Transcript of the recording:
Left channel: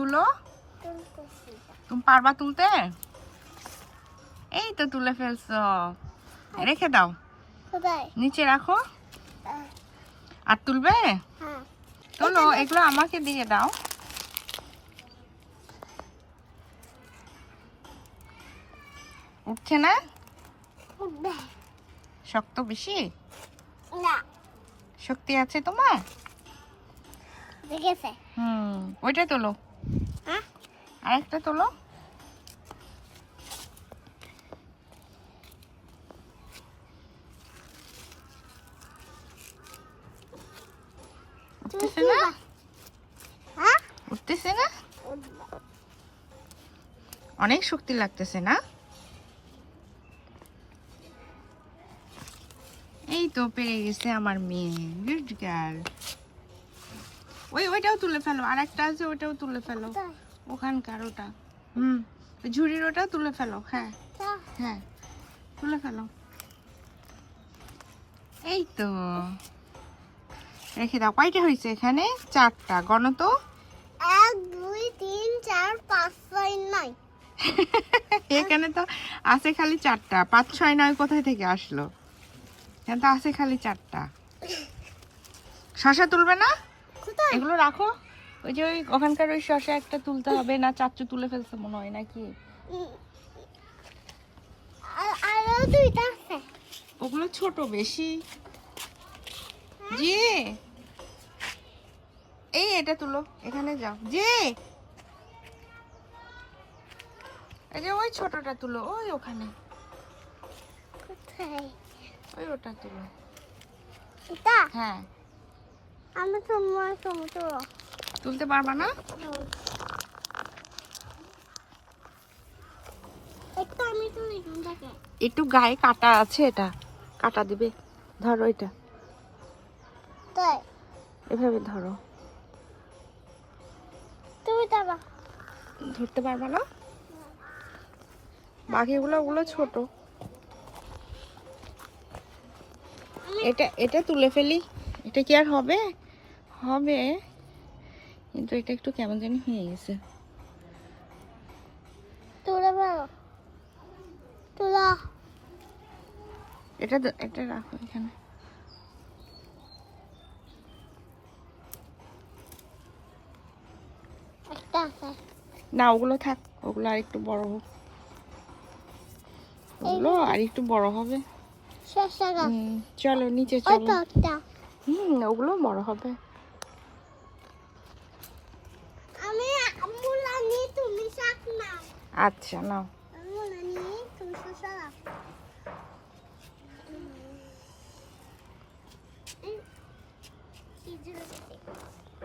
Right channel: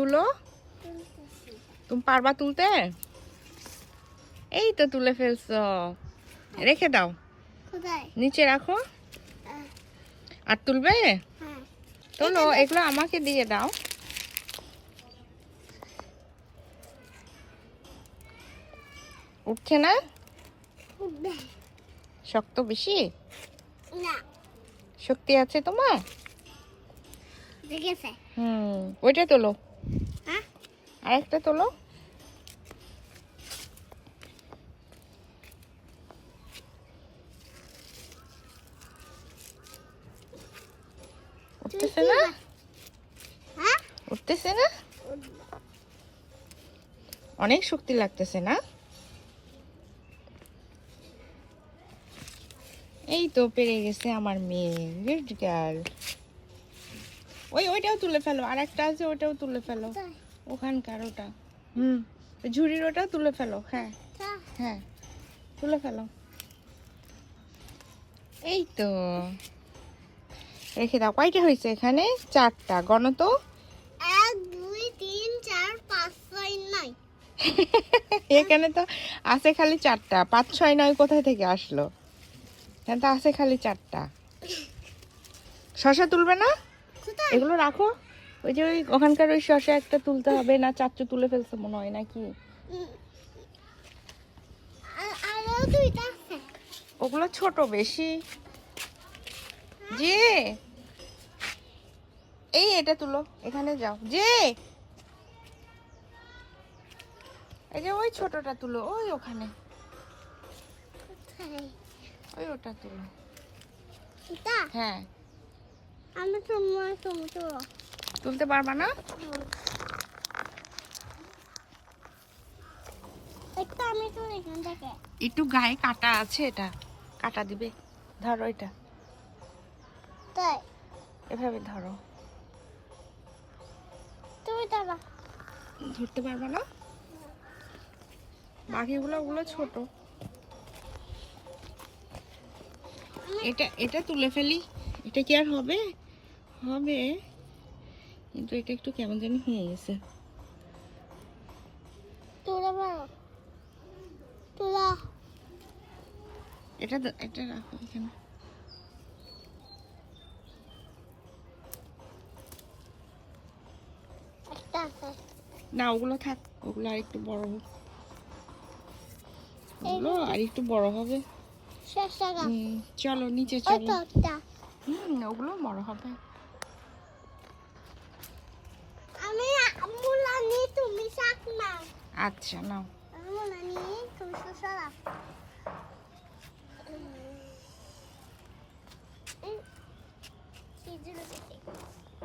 তুলো। তুমি পারবা তুলতে? এই তো তুলে ফেলছো। রেখে দাও, নিচে রাখো। আর তুলবে? তোলো, এগুলো আমাকে দিয়ে দাও। উঠছে না? শক্ত বেশি? না, শক্তি আছে তোমার? দেখেছে। ওইটা তোলো। হ্যাঁ, আরেকটা তোলো। উঠতেছে না? হ্যাঁ, উঠতেছে না? অনেক শক্তি লাগতেছে না? এই তো পেরে গেছে আমার মেয়ে, গুড গার্ল। ওইটাও তুলে ফেলো, আর একটা আছে ওইটাও তুলে ফেলো। ওখানকার ওটা, ঝুড়ির ওটা তুলে ফেলো। হ্যাঁ হ্যাঁ, তুলে ফেলো। এই তো রেখে দাও। কয়টা হয়েছে এখানে? 4টা। গণ তো। 1 2 3 4 5 6 9। এখানে তো আছে খালি 4টা। 5 6 9 কোথায় থেকে আসলো? এখানে তো আছে খালি 4টা। শশা তুলবে না? কোথায়? এগুলো রাখো। ওই যে ওখানকার ওই শশা একটা তুলতে হবে না? 4টে তুলে ফেলছে মনে হয় নাকি? আরো 2টা আছে। ওগুলো ছোট বেশি। যে এই এটা তুলো, এখানে যাও। যে এই যে ওই ছোটটা তুলো, ওই ওখানে। কোথায়? ওই ওটা তুলো। এটা? হ্যাঁ। আমি টমেটো তুলতে পারবা না? একটা আমি তো এখান থেকে। একটু গায়ে কাটা আছে, এটা কাটা দিবে। ধরো এটা, তাই এভাবে ধরো। তুমি যাবা? ধরতে পারবা না? বাকিগুলো ওগুলো ছোট। এটা এটা তুলে ফেলি। এটা কি আর হবে? হবে, কিন্তু এটা একটু কেমন জানি হয়ে গেছে। তুলে ফেলো, তুলো। এটা রাখো এখানে। একটা আছে। না, ওগুলো থাক, ওগুলো আর একটু বড় হোক। ওগুলো আর একটু বড় হবে। শেষ জায়গা। চলো নিচে চলো। একটা ওগুলো বড় হবে। আমি আমুলা নি তুমি শাক নাও। আচ্ছা নাও। আমুলা নি তুমি শসা নাও। এই জুড়ে দিতে